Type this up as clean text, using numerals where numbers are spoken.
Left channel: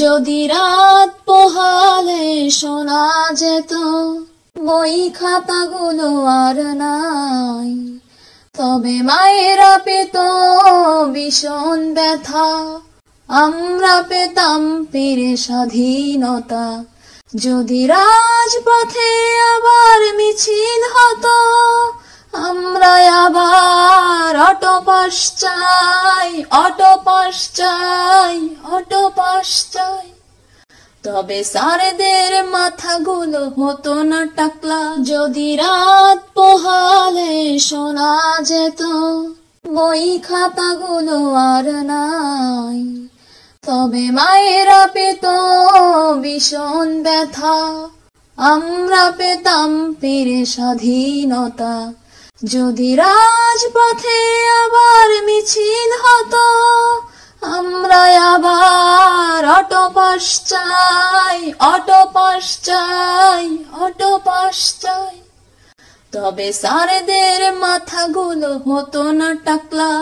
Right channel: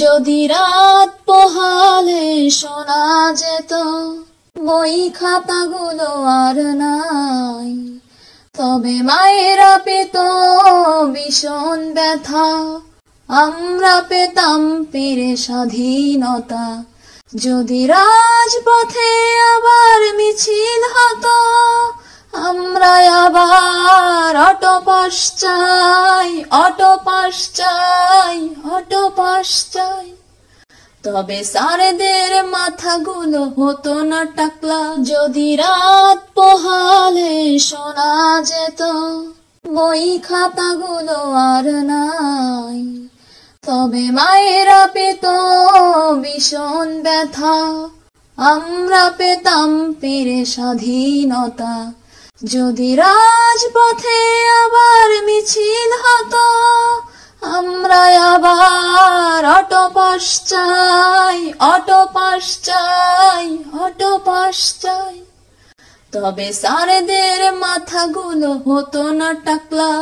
যদি রাত পোহালে শোনা যেত বই খাতাগুলো আর নাই, তবে মায়েরা পেত ভীষণ ব্যথা, আমরা পেতাম পেরে স্বাধীনতা। যদি রাজপথে আবার মিছিল হতো, আমরা আবার অটো পাস চাই, অটো পাস চাই, অটো পাস চাই। তবে স্যারদের মাথাগুলো হতো না টাকলা, যদি রাত পোহালে শোনা যেত বই খাতাগুলো আর নাই, তবে মায়েরা পেত ভীষণ ব্যথা, আমরা পেতাম পেরে স্বাধীনতা। যদি রাজপথে আবার মিছিল হতো, আমরা আবার অটো পাস চাই, অটো পাস চাই, অটো পাস চাই। তবে স্যারদের মাথাগুলো হতো না টাকলা,